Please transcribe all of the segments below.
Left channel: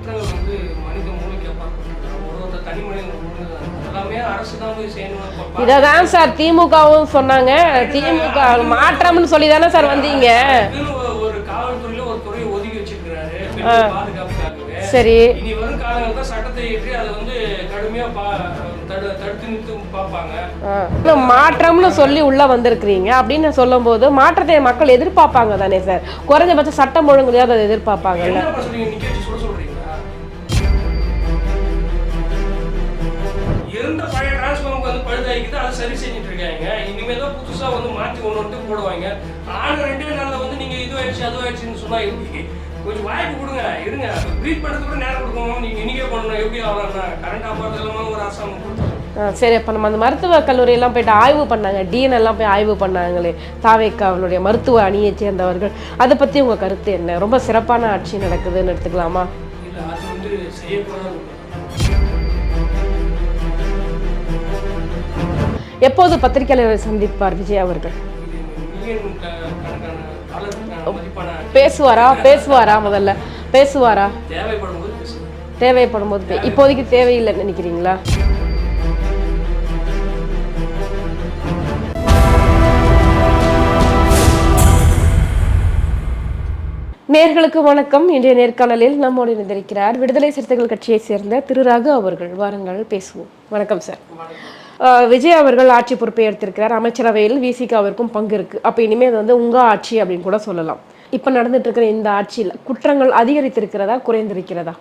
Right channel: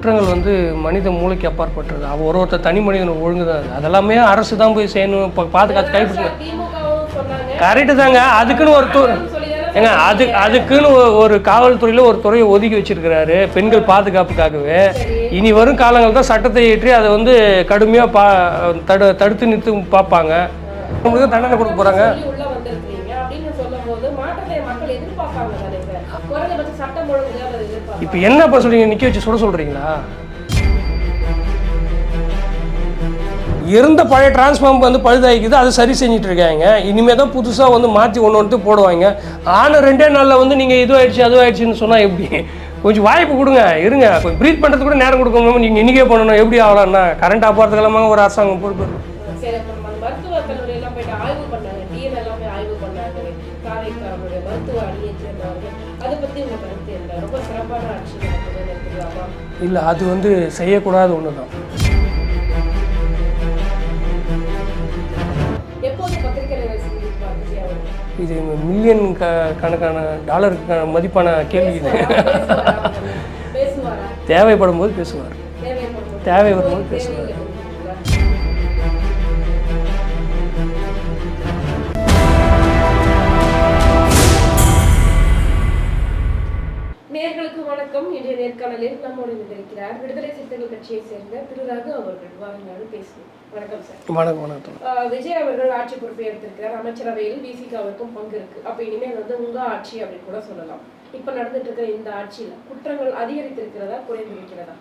குற்றங்கள் வந்து மனித மூளைக்கு அப்பாற்பட்டது. ஒருத்தர் தனி மனிதன் ஒழுங்கு தான். அதெல்லாமே அரசு தான் போய் செய்யணும். சார் திமுகவும் சொன்னாங்க அதுக்குன்னு ஒரு காவல்துறையில ஒரு துறையை ஒதுக்கி வச்சிருக்கிறாரு பெண்கள் பாதுகாப்புக்காகவே. இனி வரும் காலங்கள் தான் சட்டத்தை ஏற்றி அதை வந்து கடுமையா தடுத்து நிறுத்தி பார்ப்பாங்க. மாற்றம்னு சொல்லி உள்ள வந்திருக்கிறீங்க அப்படின்னு சொல்லும் போது மாற்றத்தை மக்கள் எதிர்பார்ப்பாங்க தானே சார்? குறைஞ்சபட்ச சட்டம் ஒழுங்குலையாவது அதை எதிர்பார்ப்பாங்க. என்ன சொல்றீங்க? நிக்க வச்சு சொல்றீங்களா? இருந்த பழைய டிரான்ஸ்ஃபார்ம் வந்து பழுதாகிக்குது, அதை சரி செஞ்சுட்டு இருக்காங்க. இனிமே தான் புதுசாக வந்து மாற்றி ஒன்று போடுவாங்க. ஆனால் 2 நாளில் வந்து நீங்கள் இதுவாகிடுச்சு அதுவாகிடுச்சுன்னு சொன்னால் எப்படி? கொஞ்சம் வாய்ப்பு கொடுங்க, இருங்க. இப்போ ப்ரீத் பண்ணுறது கூட நேரம் கொடுக்கணும். நீங்கள் இன்றைக்கே பண்ணணும். எப்படி ஆகலாம்னா கரண்ட் ஆப்பாகிறதுக்கெல்லாமா ஒரு அரசாங்கம் பொறுத்து. சரி, இப்போ நம்ம அந்த மருத்துவ கல்லூரியெல்லாம் போயிட்டு ஆய்வு பண்ணாங்க, டிஎன்எல்லாம் போய் ஆய்வு பண்ணாங்களே தாவேக்கா அவளுடைய மருத்துவ அணியை சேர்ந்தவர்கள், அதை பற்றி உங்கள் கருத்து என்ன? ரொம்ப சிறப்பான ஆட்சி நடக்குதுன்னு எடுத்துக்கலாமா? இல்லை, அது வந்து செய்யக்கூடாத ஒன்று தான். எப்போது பத்திரிகையாளர்களை சந்திப்பார் விஜய் அவர்கள்? இது மில்லியன் கணக்கான டாலருக்கான மதிப்பான பேசுவாரா முதல்ல பேசுவாரா? தேவைப்படும் போது பேசுவார். தேவைப்படும் போது. இப்போதைக்கு தேவையில்லைன்னு நினைக்கிறீங்களா? நேர்களுக்கு வணக்கம். இன்றைய நேர்காணலில் நம்மோடு இணைந்திருக்கிறார் விடுதலை சிறுத்தைகள் கட்சியை சேர்ந்த திரு ரகு அவர்கள். வாருங்கள் பேசுவோம். வணக்கம் சார். விஜய் அவர்கள் ஆட்சி பொறுப்பை எடுத்திருக்கிறார். அமைச்சரவையில் விசிகாவிற்கும் பங்கு இருக்கு. அப்ப இனிமேல் வந்து உங்க ஆட்சி அப்படின்னு கூட சொல்லலாம். இப்ப நடந்துட்டு இருக்கிற இந்த ஆட்சியில் குற்றங்கள் அதிகரித்திருக்கிறதா குறைந்திருக்கிறதா?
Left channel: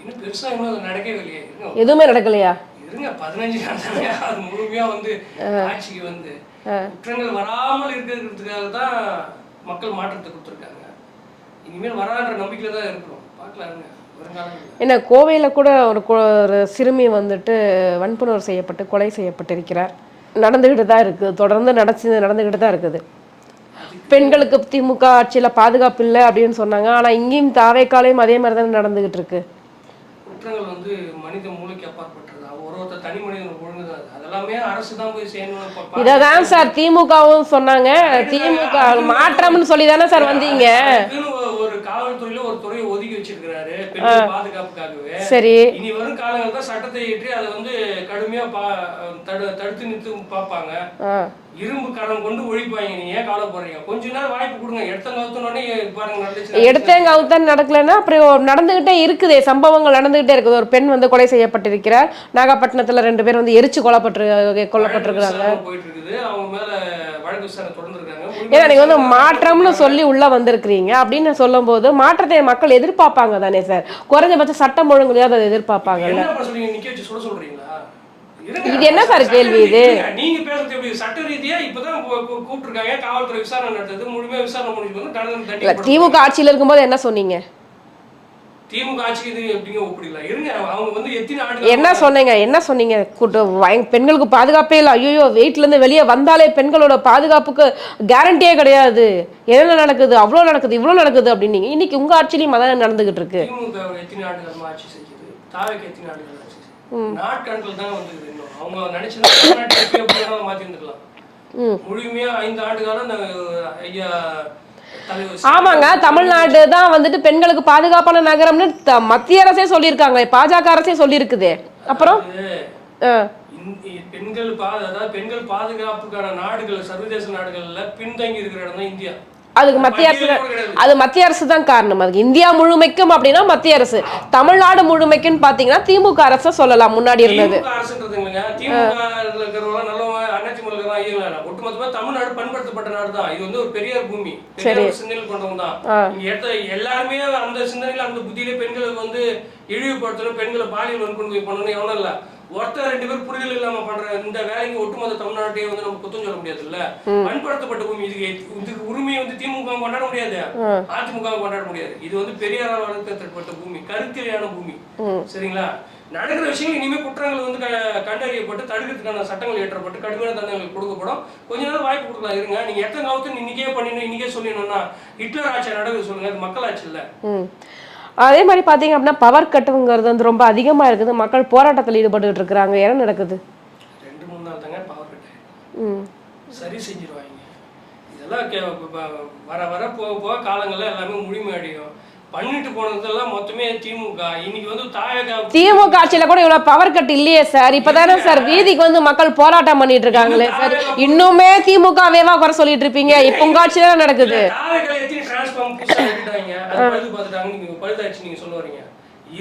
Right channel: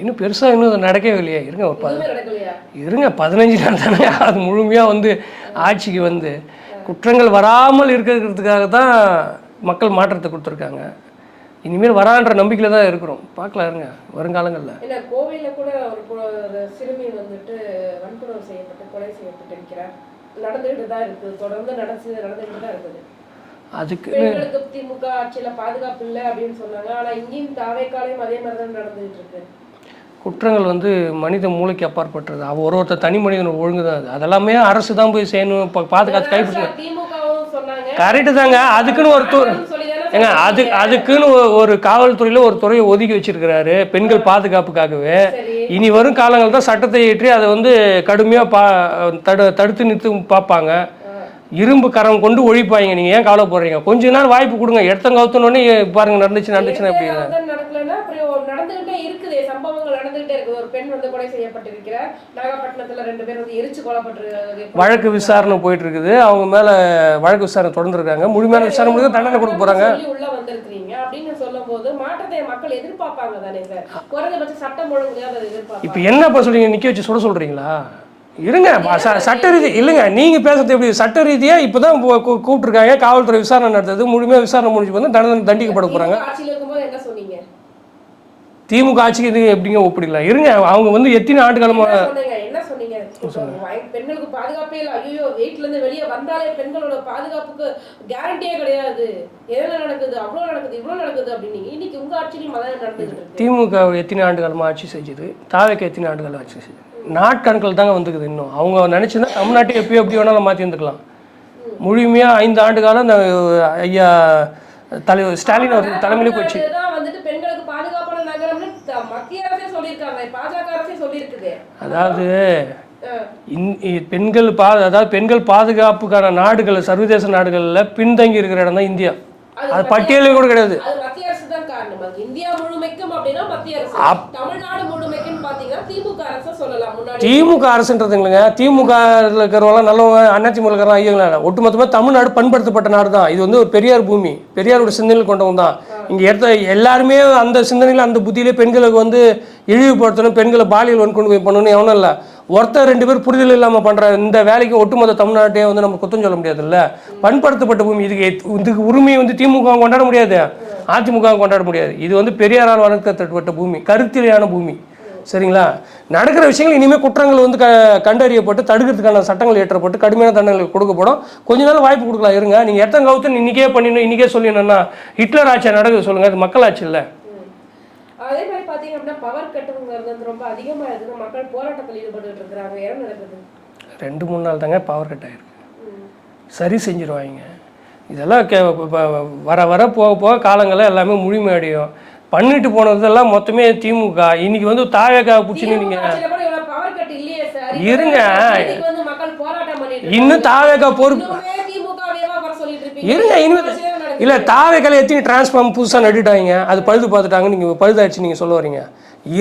இன்னும் பெருசா இன்னும் நடக்கவே இல்லையா? இருங்க, எதுவுமே நடக்கலையா? இருங்க, 15 நாள் தானே அது முழுமையா வந்து ஆட்சிக்கு வந்து குற்றங்கள் வராமல் இருக்கிறதுக்காக தான் மக்கள் மாற்றத்தை கொடுத்துருக்காங்க. இனிமேல் வரான்ற நம்பிக்கையில் தான் இருக்கிறோம். பார்க்கலாம், இருங்க வருங்காலங்களில். ஏன்னா கோவையில் கூட ஒரு சிறுமி வந்துட்டு வன்புணர்வு செய்யப்பட்டு கொலை செய்யப்பட்டிருக்கிறார். நடந்துக்கிட்டு தான் இருக்குது, தொடர்ந்து நடந்துக்கிட்டு தான் இருக்குது. அதுக்கு பெண்களுக்கு திமுக ஆட்சியில் பாதுகாப்பு இல்லை அப்படின்னு சொன்னாங்க. ஆனால் இங்கேயும் தாவேக்காலையும் அதே மாதிரி தான் நடந்துக்கிட்டு இருக்கு. குற்றங்கள் வந்து மனித மூளைக்கு அப்பாற்பட்டது. ஒருத்தர் தனி மனிதன் ஒழுங்கு தான். அதெல்லாமே அரசு தான் போய் செய்யணும். திமுகவும் சொன்னாங்க. அதுக்குன்னு ஒரு காவல்துறையில ஒரு துறையை ஒதுக்கி வச்சிருக்கிறாரு பெண்கள் பாதுகாப்புக்காகவே. இனி வரும் காலங்கள் தான் சட்டத்தை ஏற்றி அதை வந்து கடுமையா தடுத்து நிறுத்தி பார்ப்பாங்க. இரும்பு கரம் கொண்டு ஒழிப்பாங்க. நீங்க ஏன் கவலைப்படுறீங்க? கொஞ்ச நாள் வாய்ப்பு கொடுங்க. எடுத்தங்கவுத்தனே பாருங்க நடந்துச்சு. எடுத்தங்கவுத்தன் நடக்கலன்னா அப்புறம் நடந்துகிட்டே இருக்குதே, சம்பவங்கள் நடந்துகிட்டே இருக்குது. ஒரு பெண் வந்து கொலை செய்யப்பட்டிருக்கிறார். நாகப்பட்டினத்துல 2 பேர் வந்து எரிச்சு கொல்லப்பட்டு வழக்கு விசாரணை போயிட்டு இருக்குது. அவங்க மேல வழக்கு விசாரணை தொடர்ந்து இருக்காங்க. முழுமையான மாற்றம்னு சொல்லி உள்ள வந்திருக்கிறீங்க அப்படின்னு சொல்லும் போது மாற்றத்தை மக்கள் எதிர்பார்ப்பாங்க தானே சார்? குறைஞ்சபட்ச சட்டம் ஒழுங்குலையாவது அதை எதிர்பார்ப்பாங்க. என்ன சொல்றீங்க? நிக்க வச்சு சொல்றீங்களா? இருங்க, சட்ட ரீதி இல்லைங்க. நீங்க பேசுறது எப்படி? சட்ட ரீதியா இப்பதான் கூப்பிட்டுருக்காங்க. காவல்துறை விசாரணை நடத்துது. முழுமையா விசாரணை முடிஞ்சு வந்து தண்டிக்கப்படும். திமுக ஆட்சியில் இருக்கும்போது என்ன சொன்னீங்க? திமுக ஆட்சிக்கு இது எப்படிங்க ஒப்பிடலாம்? இருங்க, அவங்க வந்து எத்தனை ஆண்டுகள் என்ன சொன்னீங்க? பெண்களுக்கு பாதுகாப்பே இல்லை. ஐயோ, வீட்டுல இருந்து வெளியே வந்தாலே பெண்களோட பாதுகாப்புக்கு கேரண்டியே கிடையாது. என்ன நடக்குது, அவ்வளோ நடக்குது, இவ்வளோ நடக்குது அப்படின்னு. இன்னைக்கு உங்க ஆட்சியிலையும் அதான் நடந்துகிட்டு இருக்கு. திமுக எத்தனை ஆண்டுகாலமா ஆட்சி செஞ்சது? தாவேக்கு எத்தனை ஆண்டுகள் ஆட்சி செஞ்சது? நாட்கணக்கில் தாங்க வந்துக்குது. இன்னும் அவங்க நினைச்சுன்னா தமிழ்நாட்டை எப்பயும் எப்படி வேணாலும் மாற்றி வந்துக்கலாம். முழுமையா 5 ஆண்டு காலம் இந்த ஐயா தமிழ்நாடு தான் வந்துட்டு பெண்களுக்கு பாதுகாப்பான நகரம்னு மத்திய அரசே சொல்லியிருக்காங்க, பாஜக அரசே சொல்லியிருக்குது. அப்புறம் பெண்கள் பாதுகாப்புக்கான நாடுகள், சர்வதேச நாடுகள்ல பின்தங்கி இருக்கிற இடம் தான் இந்தியா. அது மத்திய அரசு தான் காரணம். அதுக்கு இந்தியா முழுமைக்கும் அப்படின்னா மத்திய அரசு. தமிழ்நாடு முழுமைக்குன்னு பாத்தீங்கன்னா திமுக அரசு சொல்லலாம். முன்னாடி திமுக அரசுன்றது இல்லைங்க. திமுக இருக்கிறவங்க நல்லவங்க, அதிமுக ஐயங்களா, ஒட்டுமொத்தமா தமிழ்நாடு பண்படுத்தப்பட்ட நாடு தான். இது வந்து ஒரு பெரியார் பூமி, பெரியாரோட சிந்தனையில் கொண்டவங்க தான். இங்க எடுத்த எல்லாருமே அந்த சிந்தனையில அந்த புத்தியிலே பெண்களுக்கு வந்து இழிவுபடுத்தணும், பெண்களை பாலியல் வன்கொடுமை பண்ணணும் எவனும் இல்லை. ஒருத்தர் 2 பேர் புரிதல் இல்லாம பண்ற இந்த வேலைக்கு ஒட்டுமொத்த தமிழ்நாட்டையே வந்து நம்ம குத்தம் சொல்ல முடியாது இல்ல. பண்படுத்தப்பட்ட பூமி. இதுக்கு உரிமையை வந்து திமுக கொண்டாட முடியாது, அதிமுக கொண்டாட முடியாது. இது வந்து பெரியாரால் வளர்க்கப்பட்ட பூமி, கருத்திலையான பூமி. சரிங்களா? நடக்கிற விஷயங்கள் இனிமே குற்றங்கள் வந்து கண்டறியப்பட்டு தடுக்கிறதுக்கான சட்டங்கள் இயற்றப்பட்டு கடுமையான தண்டனைகள் கொடுக்கப்படும். கொஞ்ச நாள் வாய்ப்பு கொடுக்கலாம். இருங்க, நீங்க எத்தனை இன்னைக்கே பண்ணிடணும், இன்னைக்கே சொல்லிடணும்னா ஹிட்லர் ஆட்சி நடக்குது சொல்லுங்க. அது மக்கள் ஆட்சி இல்லை. அதே மாதிரி பார்த்தீங்க அப்படின்னா பவர் கட்டுங்கிறது வந்து ரொம்ப அதிகமாக இருக்குது. மக்கள் போராட்டத்தில் ஈடுபட்டு இருக்கிறாங்க. என்ன நடக்குது? 2-3 நாள் தாங்க பவர் கட் ஆயிருக்கு. சரி செஞ்சிருவாங்க. இதெல்லாம் வர வர போக போக காலங்களில் எல்லாமே முழுமையடையும். பண்ணிட்டு போனதெல்லாம் மொத்தமே திமுக. இன்னைக்கு வந்து திமுக ஆட்சியில கூட இவ்வளவு பவர் கட் இல்லையே சார். இப்பதானே சார் வீதிக்கு வந்து மக்கள் போராட்டம் பண்ணிட்டு இருக்காங்க. இன்னுமே திமுகவேவா குறை சொல்லிட்டு இருப்பீங்க. உங்க ஆட்சியில நடக்குது. இல்ல தாவேக்கால எத்தனை டிரான்ஸ்ஃபார்ம் புதுசா நட்டிட்டாங்க, அது பழுது பார்த்துட்டாங்க. நீங்க பழுதாச்சு நீங்க சொல்ல வரீங்க.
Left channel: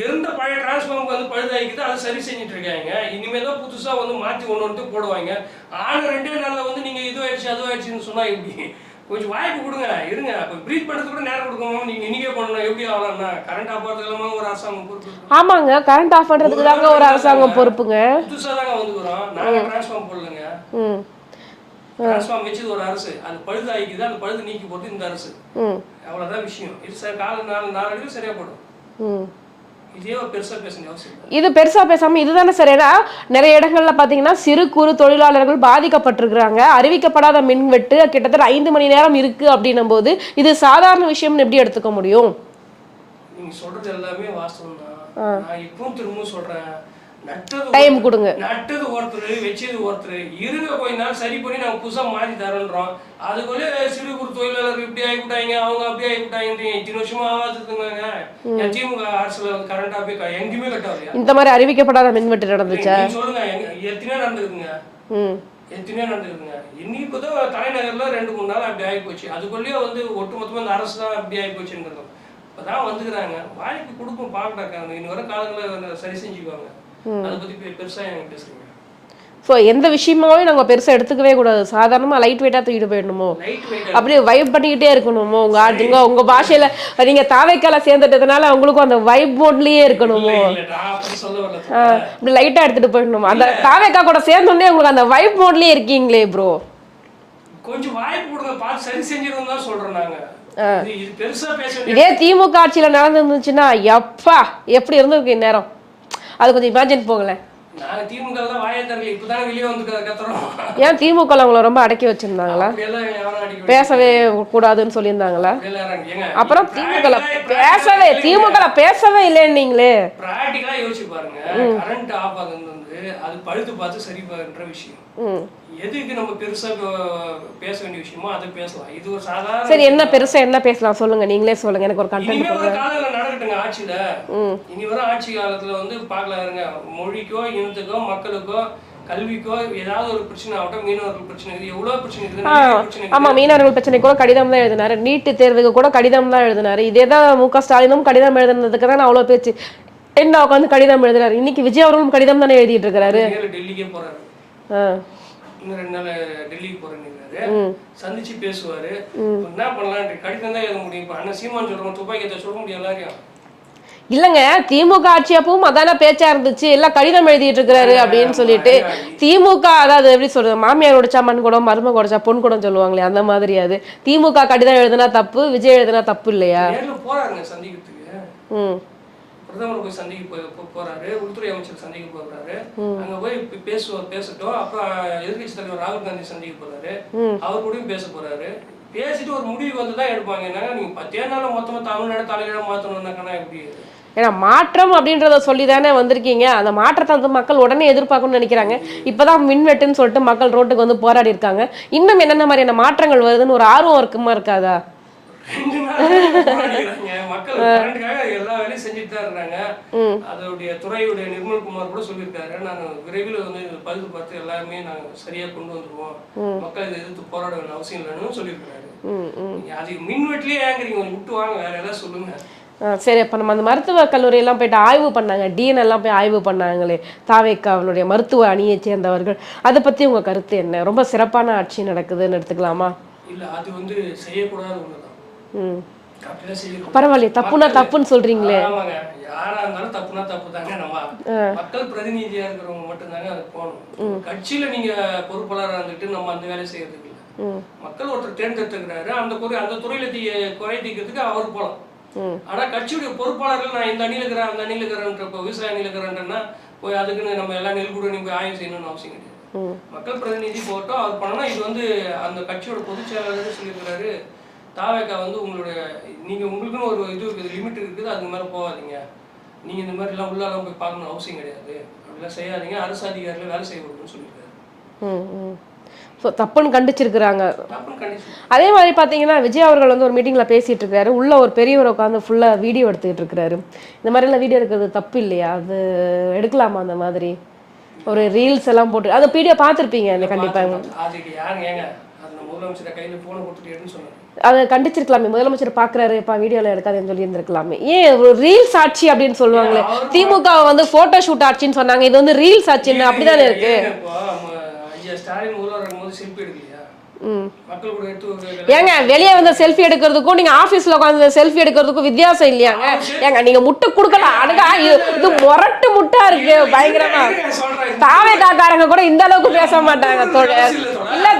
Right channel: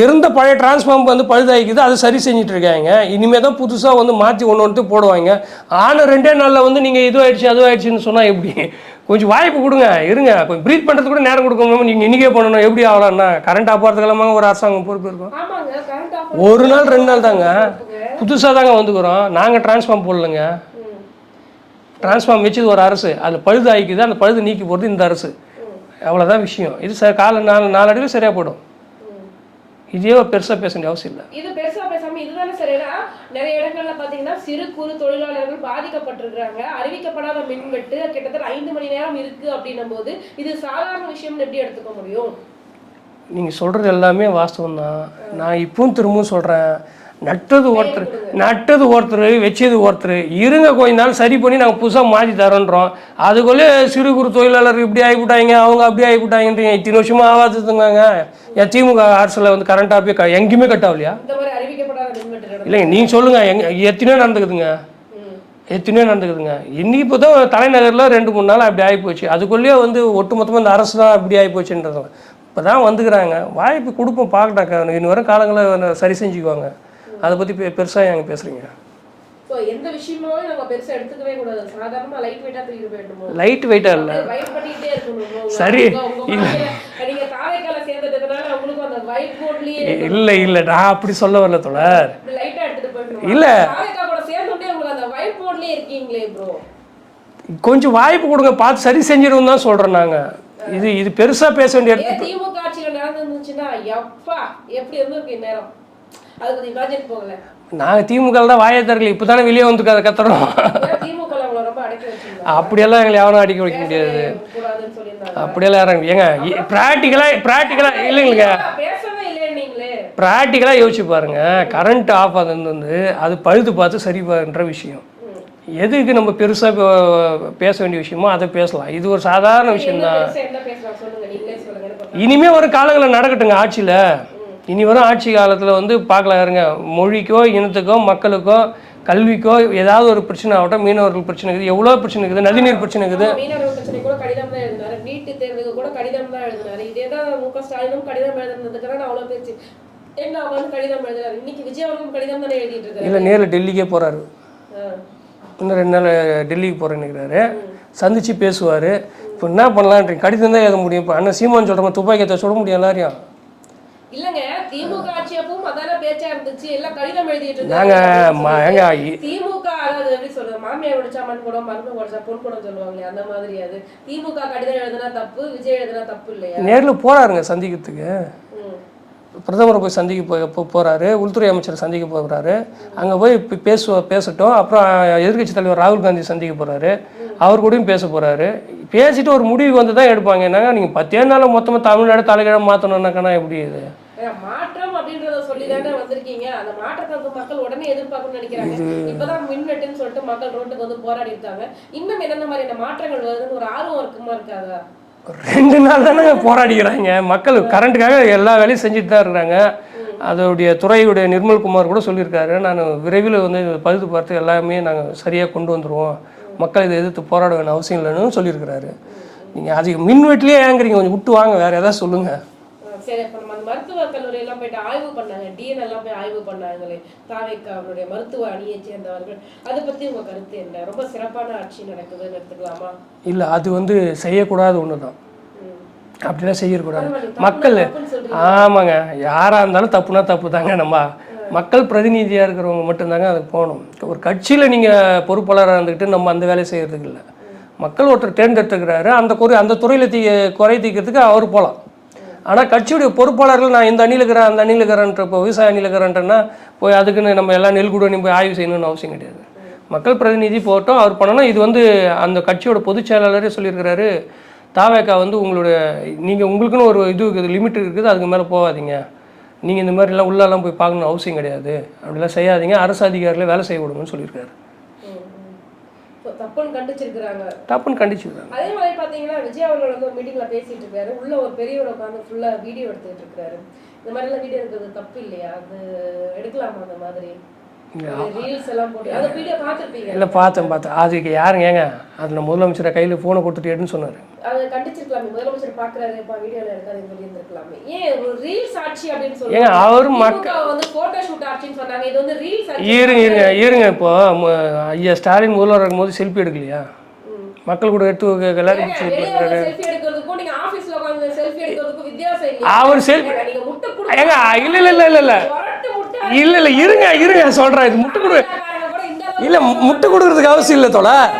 இருந்த பழைய டிரான்ஸ்ஃபார்ம் வந்து பழுதாகிக்குது, அதை சரி செஞ்சுட்டு இருக்காங்க. இனிமே தான் புதுசாக வந்து மாற்றி ஒன்று போடுவாங்க. ஆனால் 2 நாளில் வந்து நீங்கள் இதுவாகிடுச்சுன்னு சொன்னால் எப்படி? கொஞ்சம் வாய்ப்பு கொடுங்க, இருங்க. கொஞ்சம் ப்ரீத் பண்ணுறதுக்கு கூட நேரம் கொடுக்கணும். நீங்கள் இன்றைக்கே பண்ணணும். எப்படி ஆகலாம்னா கரண்ட் ஆஃப் ஆகிறதுக்கெல்லாமா ஒரு அரசாங்கம் பொறுப்பு இருக்கும். ஆமாங்க, கரண்ட் ஆஃப் ஒரு நாள் 2 நாள் தாங்க பொறுப்புங்க. புதுசாக தாங்க வந்துக்கிறோம். நாங்கள் டிரான்ஸ்ஃபார்ம் போடலைங்க. டிரான்ஸ்ஃபார்ம் வச்சது ஒரு அரசு, அது பழுது ஆகிக்குது. அந்த பழுது நீக்கி போகிறது இந்த அரசு. அவ்வளோதான் விஷயம். இது கால நாளடைவில் சரியாக போடும். இதே பெருசா பேச வேண்டிய அவசியம் இல்லை. இது பெருசா பேசாம இதுதானே சரியா? நிறைய இடங்கள்ல பாத்தீங்கன்னா சிறு குறு தொழிலாளர்கள் பாதிக்கப்பட்டிருக்கிறாங்க. அறிவிக்கப்படாத மின்வெட்டு கிட்டத்தட்ட 5 மணி நேரம் இருக்கு அப்படின்னும் போது இது சாதாரண விஷயம்னு எப்படி எடுத்துக்க முடியும்? நீங்க சொல்றது எல்லாமே வாஸ்தவம் தான். நான் இப்பவும் திரும்பவும் சொல்றேன், நட்டது ஒருத்தர் வச்சது ஒருத்தர். இருங்க கொஞ்ச நாள் சரி பண்ணி நாங்கள் புதுசாக மாற்றி தரோன்றோம். அதுக்குள்ளே சிறு குறு தொழிலாளர் இப்படி ஆகிவிட்டாங்க, அவங்க அப்படி ஆகிவிட்டாங்கன்றீங்க. இத்தனை வருஷமா ஆகாதுங்க. என் திமுக அரசில் வந்து கரண்ட் ஆஃபே எங்கேயுமே கட் ஆகலையா? இந்த மாதிரி அறிவிக்கப்படாத மின்வெட்டு நடந்தது நீங்க சொல்லுங்க, எத்தனையோ நடந்துக்குதுங்க. எத்தனையோ நடந்துக்குதுங்க. இன்னைக்கு இப்போ தான் தலைநகரில் 2-3 நாள் அப்படி ஆகி போச்சு. அதுக்குள்ளேயே வந்து ஒட்டுமொத்தமாக இந்த அரசு தான் அப்படி ஆகி போச்சுன்றது இப்போ தான் வந்துக்கிறாங்க. வாய்ப்பு கொடுப்போம், பார்க்கட்டாக்கா. இன்னும் வர காலங்களில் சரி செஞ்சுக்குவாங்க. அதை பற்றி பெருசாக எங்க பேசுறீங்க? ஸோ எந்த விஷயமாவே நாங்கள் பெருசாக எடுத்துக்கவே கூடாது. சாதாரணமாக லைட் வெயிட்டாக தூக்கிட்டு போயிடணுமோ, லைட் வெயிட்டாக அப்படியே வைப் பண்ணிக்கிட்டே இருக்கணுமோ. உங்கள் பாஷையில் நீங்கள் தாவேக்கால சேர்ந்துட்டதுனால உங்களுக்கும் அந்த வைப் மோட்லேயே இருக்கணும். இல்லை நான் அப்படி சொல்ல வரல. அப்படி லைட்டாக எடுத்துகிட்டு போயிடணுமா? இல்லை தாவேக்கா கூட சேர்ந்தோடனே உங்களுக்கு அந்த வைப் மோட்லேயே இருக்கீங்களே ப்ரோ. கொஞ்சம் வாய்ப்பு கொடுங்க, பார்த்து சரி செஞ்சிடும் தான் சொல்கிறோம் நாங்கள். இது பெருசா பேச வேண்டிய. திமுக ஆட்சியில் நடந்துருந்துச்சுன்னா எப்பா எப்படி இருந்திருக்கு இந்நேரம்? அது கொஞ்சம் இமேஜின் போகல. நாங்கள் திமுக தான் வாயை தரல, இப்போதானே வெளியே வந்து கத்துறோம். ஏன் திமுக உங்களை ரொம்ப அடக்கி வச்சிருந்தாங்க? அப்படியெல்லாம் எங்களை எவனும் அடிக்க பேசவே கூடாதுன்னு சொல்லியிருந்தாங்களா? அப்படியெல்லாம் ஏங்க அப்புறம் பேசவே இல்லைன்னீங்களே. பிராக்டிக்கலா யோசிச்சு பாருங்க. கரண்ட் ஆஃப் ஆகுது வந்து அது பழுது பார்த்து சரி பண்ற விஷயம். எதுக்கு நம்ம பெருசா பேச வேண்டிய விஷயமோ அதை பேசலாம். இது ஒரு சாதாரண. என்ன பெருசா என்ன பேசலாம் சொல்லுங்க, நீங்களே சொல்லுங்க. எனக்கு ஒரு இனிமே ஒரு காலங்களில் நடக்கட்டுங்க ஆட்சியில. இனி வரும் ஆட்சி காலத்துல வந்து பார்க்கலாம் இருங்க. மொழிக்கோ இனத்துக்கோ மக்களுக்கோ கல்விக்கோ ஏதாவது ஒரு பிரச்சனை ஆகட்டும். மீனவர்கள் பிரச்சனை இருக்குது, எவ்வளவு பிரச்சனை இருக்குது, நதிநீர் பிரச்சனை இருக்குது. மீனவர்கள் பிரச்சனை கூட கடிதம் தான் எழுதினாரு. நீட்டு தேர்வுக்கு கூட கடிதம் தான் எழுதினாரு. இதேதான் மு.க. ஸ்டாலினும் கடிதம் எழுதுனதுக்கு தான் அவ்வளவு பேச்சு. என்ன உட்காந்து கடிதம் எழுதுறாரு. இன்னைக்கு விஜய் அவர்களும் கடிதம் தானே எழுதிட்டு இருக்காரு. நேரில் டெல்லிக்கே போறாரு. இன்னும் 2 நாள் டெல்லிக்கு போறேன்னு சந்திச்சு பேசுவாரு. இப்போ என்ன பண்ணலான் கடிதம் தான் எழுத முடியும். இப்போ அண்ணன் சீமான் சொல்ற துப்பாக்கியத்தை சொல்ல முடியும் எல்லாரையும். இல்லங்க, திமுக ஆட்சி அப்பவும் அதான பேச்சா இருந்துச்சு. எல்லாம் கடிதம் எழுதிட்டு இருக்கிறாரு அப்படின்னு சொல்லிட்டு. திமுக அதாவது எப்படி சொல்றது, மாமியார் உடைச்சா மண் குடம், மருமக உடைச்சா பொன் குடம் சொல்லுவாங்களே, அந்த மாதிரி. அது திமுக கடிதம் எழுதுனா தப்பு, விஜய் எழுதுனா தப்பு இல்லையா? நேர்ல போறாருங்க சந்திக்கிறதுக்கு. பிரதமரை போய் சந்திக்க போறாரு, உள்துறை அமைச்சர் சந்திக்க போகிறாரு. அங்க போய் பேசட்டும். அப்புறம் எதிர்கட்சி தலைவர் ராகுல் காந்தி சந்திக்க போறாரு, அவர் கூடயும் பேச போறாரு. பேசிட்டு ஒரு முடிவு வந்து தான் எடுப்பாங்க. என்னங்க நீங்க 10 நாள் மொத்தமா தமிழ்நாடு தலைக்கிழமை மாத்தணும்னாக்கா எப்படி இது? ஏன்னா மாற்றம் அப்படின்றத சொல்லி தானே வந்திருக்கீங்க. அந்த மாற்றத்தை வந்து மக்கள் உடனே எதிர்பார்க்கணும்னு நினைக்கிறாங்க. இப்பதான் மின்வெட்டுன்னு சொல்லிட்டு மக்கள் ரோட்டுக்கு வந்து போராடி இருக்காங்க. இன்னும் என்னென்ன மாதிரியான மாற்றங்கள் வருதுன்னு ஒரு ஆர்வம் இருக்குமா இருக்காதா? 2 நாள் தான் போராடிக்கிறாங்க மக்கள். கரண்ட்டுக்காக எல்லா வேலையும் செஞ்சுட்டு தான் இருக்கிறாங்க. அதோடைய துறையுடைய நிர்மல்குமார் கூட சொல்லியிருக்காரு, நான் விரைவில் வந்து பழுது பார்த்து எல்லாமே நாங்கள் சரியாக கொண்டு வந்துடுவோம், மக்கள் இதை எதிர்த்து போராட வேண்டிய அவசியம் இல்லைன்னு சொல்லியிருக்கிறாரு. நீங்கள் அது மின்வெட்டிலே ஏங்குறீங்க, கொஞ்சம் விட்டு வாங்க, வேற ஏதாவது சொல்லுங்க. சரி, இப்போ நம்ம அந்த மருத்துவக் கல்லூரியெல்லாம் போயிட்டு ஆய்வு பண்ணாங்க, டிஎன் எல்லாம் போய் ஆய்வு பண்ணாங்களே தாவேக்காவினுடைய மருத்துவ அணியை சேர்ந்தவர்கள். அதை பற்றி உங்கள் கருத்து என்ன? ரொம்ப சிறப்பான ஆட்சி நடக்குதுன்னு எடுத்துக்கலாமா? இல்லை, அது வந்து செய்யக்கூடாது ஒன்று தான். அப்படிலாம் செய்யக்கூடாது. பரவாயில்ல, தப்புனா தப்புன்னு சொல்றீங்க. ஆமாங்க, யாரா இருந்தாலும் தப்புனா தப்பு தாங்க. நம்ம மக்கள் பிரதிநிதியா இருக்கிறவங்க மட்டும்தாங்க அதுக்கு போகணும். ஒரு கட்சியில நீங்க பொறுப்பாளராக இருந்துக்கிட்டு நம்ம அந்த வேலையை செய்யறதுக்கு இல்லை. மக்கள் ஒருத்தர் தேர்ந்தெடுத்துக்கிறாரு, அந்த துறையில குறை தீர்க்கிறதுக்கு அவர் போகலாம். ஆனா கட்சியுடைய பொறுப்பாளர்கள் நான் இந்த அணியில் இருக்கிறேன் அந்த அணியில் இருக்கிறேன்ற, இப்போ விவசாய அணியில் இருக்கிறேன்றன்னா போய் அதுக்குன்னு நம்ம எல்லாம் நெல்குடனி போய் ஆய்வு செய்யணும்னு அவசியம் கிடையாது. மக்கள் பிரதிநிதி போட்டோம், அவர் பண்ணணும். இது வந்து அந்த கட்சியோட பொதுச் செயலாளரே சொல்லியிருக்கிறாரு, தாவேக்கா வந்து உங்களுடைய உங்களுக்குன்னு ஒரு இது இருக்குது, லிமிட் இருக்குது, அதுக்கு மேலே போகாதீங்க, நீங்கள் இந்த மாதிரிலாம் உள்ளெல்லாம் போய் பார்க்கணும் அவசியம் கிடையாது, அப்படிலாம் செய்யாதீங்க, அரசு அதிகாரிகளை வேலை செய்ய விடுங்கன்னு சொல்லியிருக்காரு. தப்புன்னு கண்டிச்சிருக்கிறாங்க. தப்புன்னு கண்டிச்சு. அதே மாதிரி பார்த்தீங்கன்னா விஜய் அவர்கள் வந்து ஒரு மீட்டிங்ல பேசிட்டு இருக்காரு. உள்ள ஒரு பெரியவர் உட்காந்து ஃபுல்லா வீடியோ எடுத்துக்கிட்டு இருக்கிறாரு. இந்த மாதிரி எல்லாம் வீடியோ எடுக்கிறது தப்பு இல்லையா? அது எடுக்கலாமா? அந்த மாதிரி ஒரு ரீல்ஸ் எல்லாம் போட்டு அதை வீடியோ பார்த்துருப்பீங்க. இல்லை பார்த்தேன். அதுக்கு யாருங்க ஏங்க அதில் முதலமைச்சரை கையில் ஃபோனை கொடுத்துட்டு எடுன்னு சொன்னார். அதை கண்டிச்சிருக்கலாமே. முதலமைச்சர் பார்க்குறாரு, இப்போ வீடியோவில் எடுக்காதுன்னு சொல்லி இருந்திருக்கலாமே. ஏன் ஒரு ரீல்ஸ் ஆட்சி அப்படின்னு சொல்லுவாங்க. திமுக வந்து போட்டோ ஷூட் ஆட்சின்னு சொன்னாங்க. இது வந்து ரீல்ஸ் ஆட்சி. இப்போ ஐயா ஸ்டாலின் முதல்வர் இருக்கும்போது செல்ஃபி எடுக்கலையா? மக்கள் கூட ஏங்க வெளியே வந்து செல்ஃபி எடுக்கிறதுக்கும் நீங்க ஆபீஸ்ல உட்கார்ந்து செல்ஃபி எடுக்கிறதுக்கும் வித்தியாசம் இல்லையா? ஏங்க நீங்க முட்டை கொடுக்கலாம். முரட்டு முட்டா இருக்கு சொல்றேன். தாவேதாக்காரங்க கூட இந்த அளவுக்கு பேச மாட்டாங்க. அவசியம் இல்ல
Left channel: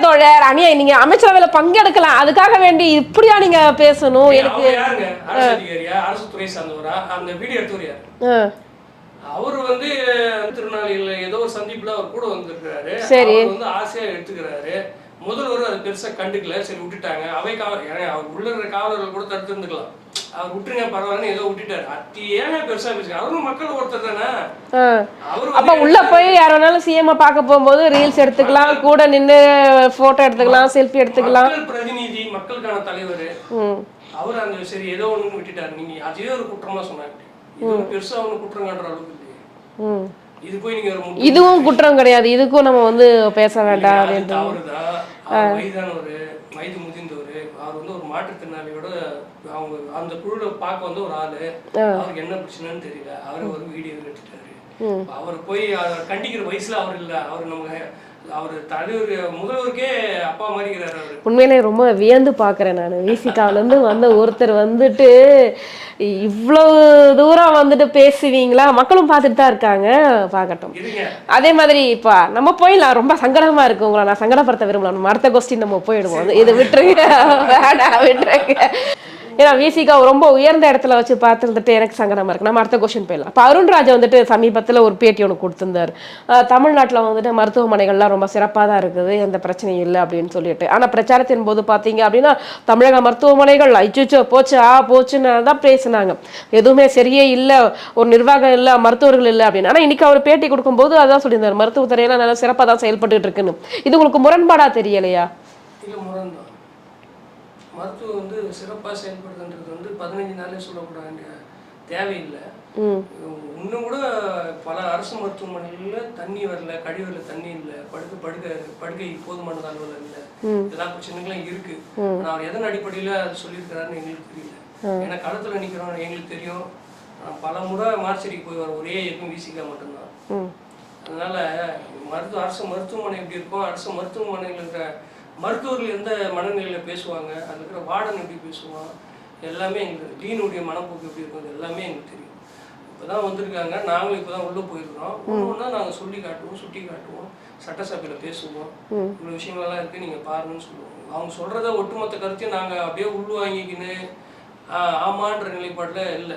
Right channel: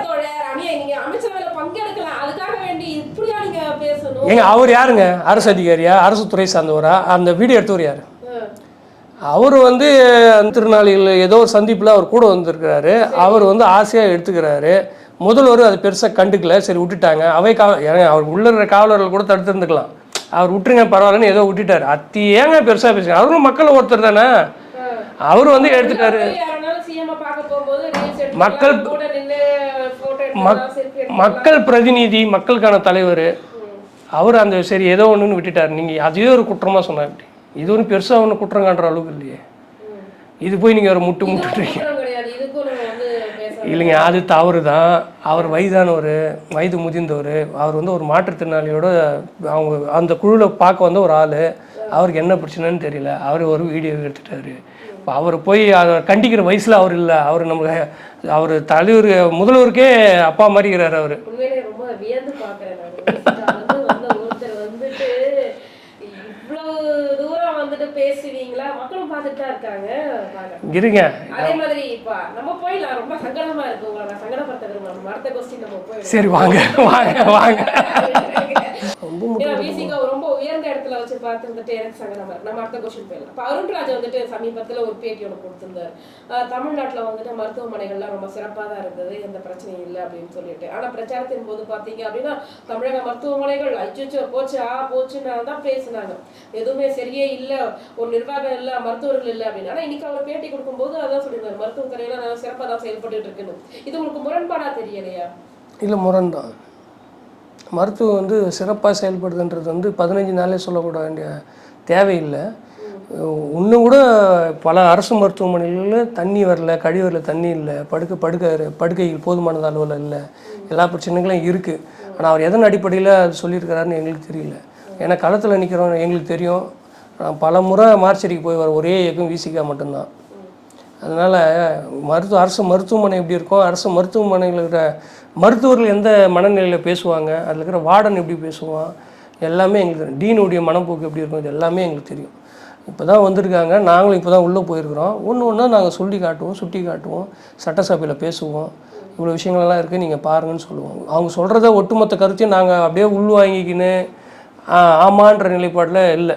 தோழர். அணியா நீங்க அமைச்சரவையில பங்கெடுக்கலாம். அதுக்காக வேண்டி இப்படியா நீங்க பேசணும்? அவர் யாருங்க? அரசு அதிகாரியா? அரசு துறை சார்ந்தவரா? அந்த வீடியோ எடுத்தவர் யாரு? அவர் வந்து திருநாளிகள் ஏதோ ஒரு சந்திப்புல அவர் கூட வந்திருக்கிறாரு. அவர் வந்து ஆசையா எடுத்துக்கிறாரு. முதல்வர் அது பெருசாக கண்டுக்கல. சரி விட்டுட்டாங்க. அவர் உள்ள இருக்கிற காவலர்கள் கூட தடுத்து இருந்துக்கலாம். அவர் விட்டுருங்க பரவாயில்லன்னு ஏதோ விட்டுட்டாரு. அத்தி ஏங்க பெருசா பேசுங்க? அவரும் மக்கள் ஒருத்தர் தானே. அவரு வந்து உள்ள போய் யாரானாலும் சிஎம் பார்க்க போகும்போது ரீல்ஸ் எடுத்துக்கலாம், கூட நின்று போட்டோ எடுத்துக்கலாம், செல்ஃபி எடுத்துக்கலாம். மக்கள் பிரதிநிதி, மக்களுக்கான தலைவர் அவர். அந்த சரி ஏதோ ஒண்ணுன்னு விட்டுட்டாரு. நீங்க அதே ஒரு குற்றமா சொன்னாங்க. இது ஒரு பெருசா ஒண்ணு குற்றம் காட்டுற அளவுக்கு இல்லையே. இது போய் நீங்க ஒரு முட்டு இதுவும் குற்றம் கிடையாது. இதுக்கும் நம்ம வந்து பேச வேண்டாம். அது தவறுதான். அவர் வயதானவர், வயது முதிர்ந்தவர். அவர் வந்து ஒரு மாற்றுத்திறனாளியோட அவங்க அந்த குழுல பார்க்க வந்து ஒரு ஆளு. அவருக்கு என்ன பிரச்சனைன்னு தெரியல. அவர் ஒரு வீடியோ எடுத்துட்டாரு. அவர் போய் அதை கண்டிக்கிற வயசுல அவர் இல்லை. அவர் நமக்கு அவர் தலைவர் முதல்வருக்கே அப்பா மாதிரி இருக்கிறாரு. அவரு உண்மையிலே ரொம்ப வியந்து பாக்குறேன் நான். விசிகால இருந்து வந்த ஒருத்தர் வந்துட்டு இவ்வளவு தூரம் வந்துட்டு பேசுவீங்களா? மக்களும் பார்த்துட்டு தான் இருக்காங்க. பார்க்கட்டும் இருங்க. அதே மாதிரி இப்ப நம்ம போயிடலாம். ரொம்ப சங்கடமா இருக்கு. உங்களை நான் சங்கடப்படுத்த விரும்பல. நம்ம அடுத்த கொஸ்டின் நம்ம போயிடுவோம். ஏன்னா விசிகா ரொம்ப உயர்ந்த இடத்துல வச்சு பார்த்துருந்துட்டு எனக்கு சங்கடமா இருக்கு. நம்ம அடுத்த கொஸ்டின் போயிடலாம். இப்போ அருண்ராஜ் வந்துட்டு சமீபத்தில் ஒரு பேட்டி ஒன்று கொடுத்திருந்தாரு. தமிழ்நாட்டில் வந்துட்டு மருத்துவமனைகள்லாம் ரொம்ப சிறப்பாக தான் இருக்குது, எந்த பிரச்சனையும் இல்லை அப்படின்னு சொல்லிட்டு. ஆனால் பிரச்சாரத்தின் போது பார்த்தீங்க அப்படின்னா தமிழக மருத்துவமனைகள் ஐச்சோ போச்சு போச்சுன்னு தான் பேசினாங்க. எதுவுமே சரியே இல்லை, ஒரு நிர்வாகம் இல்லை, மருத்துவர்கள் இல்லை அப்படின்னு. ஆனால் இன்னைக்கு அவர் பேட்டி கொடுக்கும்போது அதான் சொல்லியிருந்தார், மருத்துவத்துறையெல்லாம் நல்லா சிறப்பாக தான் செயல்பட்டு இருக்குன்னு. இது உங்களுக்கு முரண்பாடா தெரியலையா? இல்லை, முரண்தான். மருத்துவம் வந்து சிறப்பாக செயல்படுதுன்றது வந்து 15 நாளே சொல்லக்கூட வேண்டிய தேவையில்லை. இன்னும் கூட பல அரசு மருத்துவமனைகளில் தண்ணி வரல, கழிவறையில் தண்ணி இல்லை, படுக்கையில் போதுமானது அளவில் இல்லை, எல்லா பிரச்சனைகளும் இருக்குது. ஆனால் அவர் எதன் அடிப்படையில் அது சொல்லியிருக்கிறாருன்னு எங்களுக்கு தெரியல. ஏன்னா களத்தில் நிற்கிறோம் எங்களுக்கு தெரியும். பல முறை மார்ச்சரிக்கு போய் வர ஒரே இயக்கம் விசிகா மட்டும்தான். அதனால் அரசு மருத்துவமனை எப்படி இருக்கும், அரசு மருத்துவமனையில் இருக்கிற மருத்துவர்கள் எந்த மனநிலையில் பேசுவாங்க, அதில் இருக்கிற வார்டன் எப்படி பேசுவான், எல்லாமே எங்களுக்கு டீனுடைய மனப்போக்கு எப்படி இருக்கும், இது எல்லாமே எங்களுக்கு தெரியும். இப்போ தான் வந்திருக்காங்க, நாங்களும் இப்போ தான் உள்ளே போயிருக்கிறோம். ஒன்று நாங்கள் சொல்லி காட்டுவோம், சுட்டி காட்டுவோம், சட்டசபையில் பேசுவோம். இவ்வளோ விஷயங்கள்லாம் இருக்குது, நீங்கள் பாருங்கன்னு சொல்லுவோம். அவங்க சொல்கிறத ஒட்டுமொத்த கருத்தையும் நாங்கள் அப்படியே உள்வாங்கிக்கின்னு ஆமான்ற நிலைப்பாட்டில் இல்லை.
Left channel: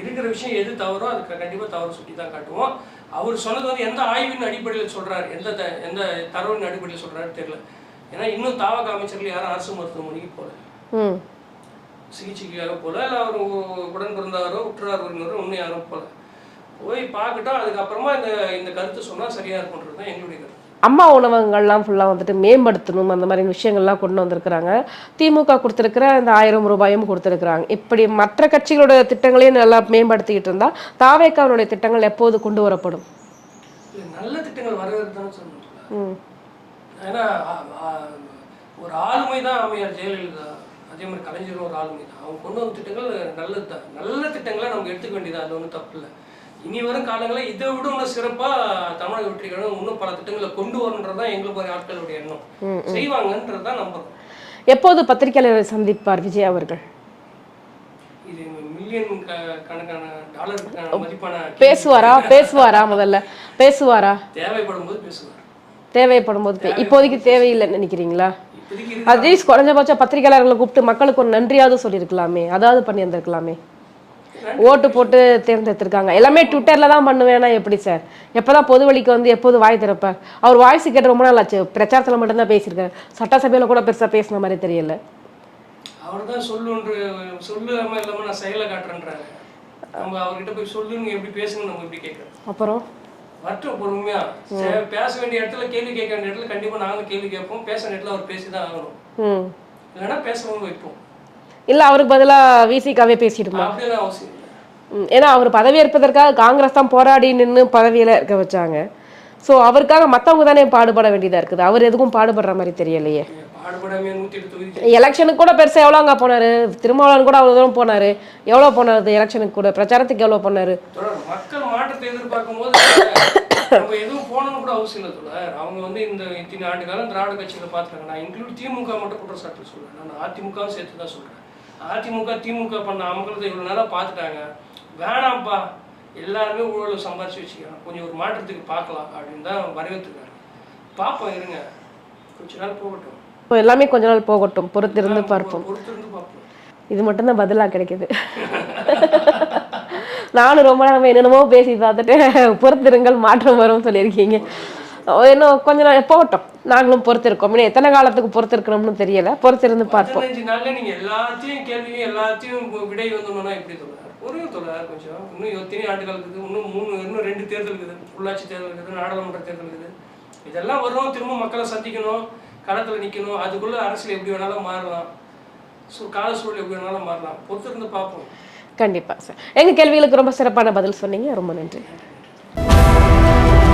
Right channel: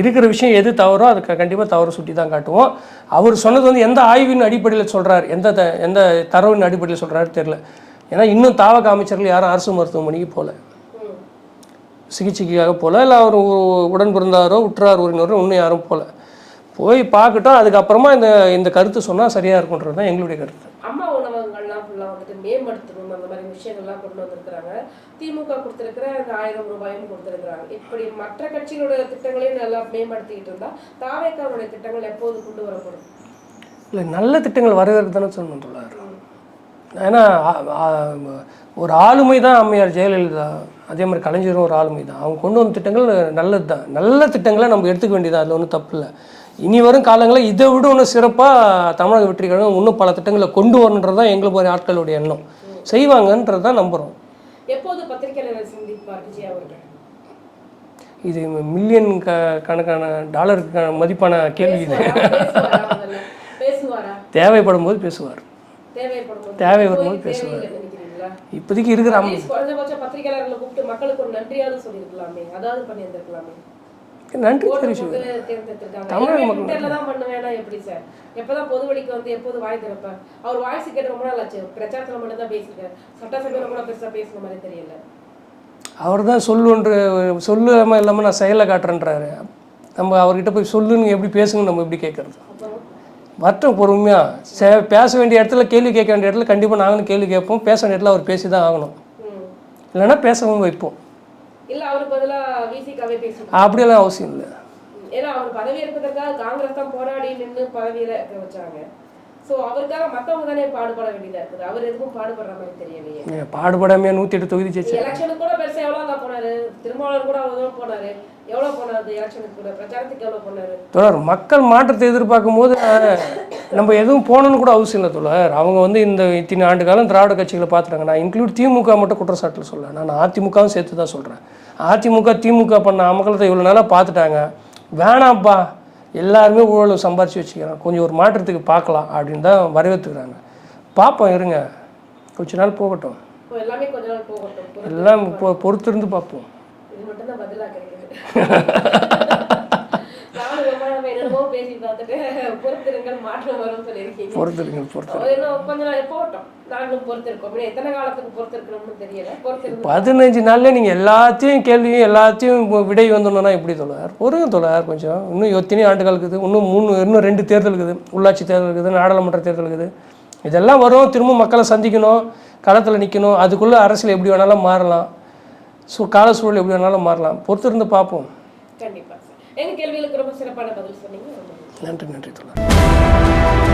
இருக்கிற விஷயம் எது தவறோ அதுக்கு கண்டிப்பாக தவறு சுட்டி தான் காட்டுவோம். அவர் சொன்னது வந்து எந்த ஆய்வின் அடிப்படையில் சொல்கிறார், எந்த தரவின் அடிப்படையில் சொல்கிறாரு தெரியல. ஏன்னா இன்னும் தாவக அமைச்சர்கள் யாரும் அரசு மருத்துவமனைக்கு போகல, சிகிச்சைக்காக போகல. இல்லை அவர் உடன் பிறந்தாரோ உற்றார் உறவினரோ இன்னும் யாரும் போய் பார்க்கட்டும். அதுக்கப்புறமா இந்த கருத்து சொன்னால் சரியாக இருக்குன்றது தான் எங்களுடைய கருத்து. அம்மா உணவகங்கள்லாம் ஃபுல்லாக வந்துட்டு மேம்படுத்தணும், அந்த மாதிரி விஷயங்கள்லாம் கொண்டு வந்திருக்கிறாங்க. திமுக கொடுத்துருக்கிற அந்த 1000 ரூபாயும் கொடுத்துருக்குறாங்க. இப்படி மற்ற கட்சிகளோட திட்டங்களையும் நல்லா மேம்படுத்திக்கிட்டு இருந்தால் தாவேக்காவுடைய திட்டங்கள் எப்போது கொண்டு வரப்படும்? இல்லை, நல்ல திட்டங்கள் வரவேற்கு தானே சொல்லணும். ஏன்னா ஒரு ஆளுமை தான் அம்மையார் ஜெயலலிதா, அதே மாதிரி கலைஞரும் ஒரு ஆளுமை தான். அவங்க கொண்டு வந்த திட்டங்கள் நல்லது தான். நல்ல திட்டங்களை நம்ம எடுத்துக்க வேண்டியது, அதில் ஒன்றும் தப்பு இல்லை. இனி வரும் காலங்களில் இதை விட ஒன்று சிறப்பாக தமிழக வெற்றி கழகம் இன்னும் பல திட்டங்களை கொண்டு வரணுன்றது தான் எங்களுக்கு ஒரு ஆட்களுடைய எண்ணம். செய்வாங்கன்றது தான் நம்புகிறோம். எப்போது பத்திரிகையாளரை சந்திப்பார் விஜய் அவர்கள்? இது மில்லியன் கணக்கான டாலருக்கு மதிப்பான பேசுவாரா? முதல்ல பேசுவாரா? தேவைப்படும் போது பேசுவார். தேவைப்படும் போது. இப்போதைக்கு தேவையில்லைன்னு நினைக்கிறீங்களா? இப்போதைக்கு இருக்கு. அட்லீஸ்ட் குறைஞ்சபட்சம் பத்திரிகையாளர்களை கூப்பிட்டு மக்களுக்கு ஒரு நன்றியாவது சொல்லியிருக்கலாமே, அதாவது பண்ணி இருந்திருக்கலாமே. ஓட்டு போட்டு தேர்ந்தெடுத்திருக்காங்க. எல்லாமே ட்விட்டர்ல தான் பண்ணுவேன்னா எப்படி சார்? எப்பதான் பொது வழிக்கு வந்து எப்போது வாய் திறப்பார்? அவர் வாய்ஸ் கேட்டு ரொம்ப நாள் ஆச்சு. பிரச்சாரத்தில் மட்டும்தான் பேசியிருக்காரு, சட்டசபையில கூட பெருசா பேசின மாதிரி தெரியல. அவர் தான் சொல்லாம இல்லாமல் நான் செயலை காட்டுறேன்றாரு. நம்ம அவர்கிட்ட போய் சொல்லுன்னு எப்படி பேசுங்க, நம்ம எப்படி கேட்கறது? அப்புறம் வரட்டும் பொறுமையாக பேச வேண்டிய இடத்துல கேள்வி கேட்க வேண்டிய இடத்துல கண்டிப்பாக நாங்களும் கேள்வி கேட்போம், பேச வேண்டிய இடத்துல அவர் பேசி தான் ஆகணும், இல்லைன்னா பேசவும் வைப்போம். இல்லை அவருக்கு பதிலாக விசிகாவே பேசிட்டு அப்படியெல்லாம் அவசியம் இல்லை. ஏன்னா அவர் பதவி ஏற்பதற்காக காங்கிரஸ் தான் போராடி நின்று பதவியில் இருக்க வச்சாங்க. ஸோ அவருக்காக மற்றவங்க தானே பாடுபட வேண்டியதாக இருக்குது. அவர் எதுக்கும் பாடுபடுற மாதிரி தெரியலையே. பாடுபடாமையா 108 தொகுதி எலெக்ஷனுக்கு கூட பெருசாக எவ்வளோ அங்கே போனார், திருமாவளவன் கூட அவ்வளோ தூரம் போனார். எவ்வளோ போனார் எலெக்ஷனுக்கு கூட, பிரச்சாரத்துக்கு எவ்வளோ போனார்? தொடர் மக்கள் மாற்றத்தை எதிர்பார்க்கும் போது நம்ம எதுவும் போகணுன்னு கூட அவசியம் இல்லை தொடர். அவங்க வந்து இந்த இத்தனை ஆண்டு காலம் திராவிட கட்சிகளை பார்த்துட்டாங்க. நான் இன்க்ளூட் திமுக மட்டும் குற்றச்சாட்டில் சொல்ல, நான் அதிமுகவும் சேர்த்து தான் சொல்கிறேன். அதிமுக திமுக பண்ண அமக்கலத்தை இவ்வளோ நாளாக பார்த்துட்டாங்க, வேணாம்ப்பா எல்லாருமே ஊழல் சம்பாரிச்சு வச்சுக்கிறாங்க, கொஞ்சம் ஒரு மாற்றத்துக்கு பார்க்கலாம் அப்படின்னு தான் வரவேற்றுக்கிறாங்க. பார்ப்போம், இருங்க கொஞ்ச நாள் போகட்டும். இப்போ எல்லாமே கொஞ்ச நாள் போகட்டும், பொறுத்திருந்து பார்ப்போம். இது மட்டும்தான் பதிலாக கிடைக்குது. நானும் ரொம்ப நேரம் என்னென்னமோ பேசி பார்த்துட்டு பொறுத்திருங்கள் மாற்றம் வரும்னு சொல்லியிருக்கீங்க. இன்னும் கொஞ்ச நாள் போகட்டும், நாங்களும் பொறுத்திருக்கோம். இன்னும் எத்தனை காலத்துக்கு பொறுத்திருக்கணும்னு தெரியல, பொறுத்திருந்து 15 நாள்ல நீங்க எல்லாத்தையும் கேள்வியும் எல்லாத்தையும் விடை வந்தோம்னா எப்படி தொழார்? பொறுங்க தொழார் கொஞ்சம். இன்னும் எத்தனை ஆண்டுகள் இருக்குது, இன்னும் 2 தேர்தல் இருக்குது, உள்ளாட்சி தேர்தல் இருக்குது, நாடாளுமன்ற தேர்தல் இருக்குது. இதெல்லாம் வரும், திரும்ப மக்களை சந்திக்கணும், களத்தில் நிற்கணும். அதுக்குள்ளே அரசியல் எப்படி வேணாலும் மாறலாம், கால சூழல் எப்படி வேணாலும் மாறலாம். பொறுத்திருந்து பார்ப்போம். கண்டிப்பாக சார். எங்கள் கேள்விகளுக்கு ரொம்ப சிறப்பான பதில் சொன்னீங்க. ரொம்ப நன்றி. நன்றி.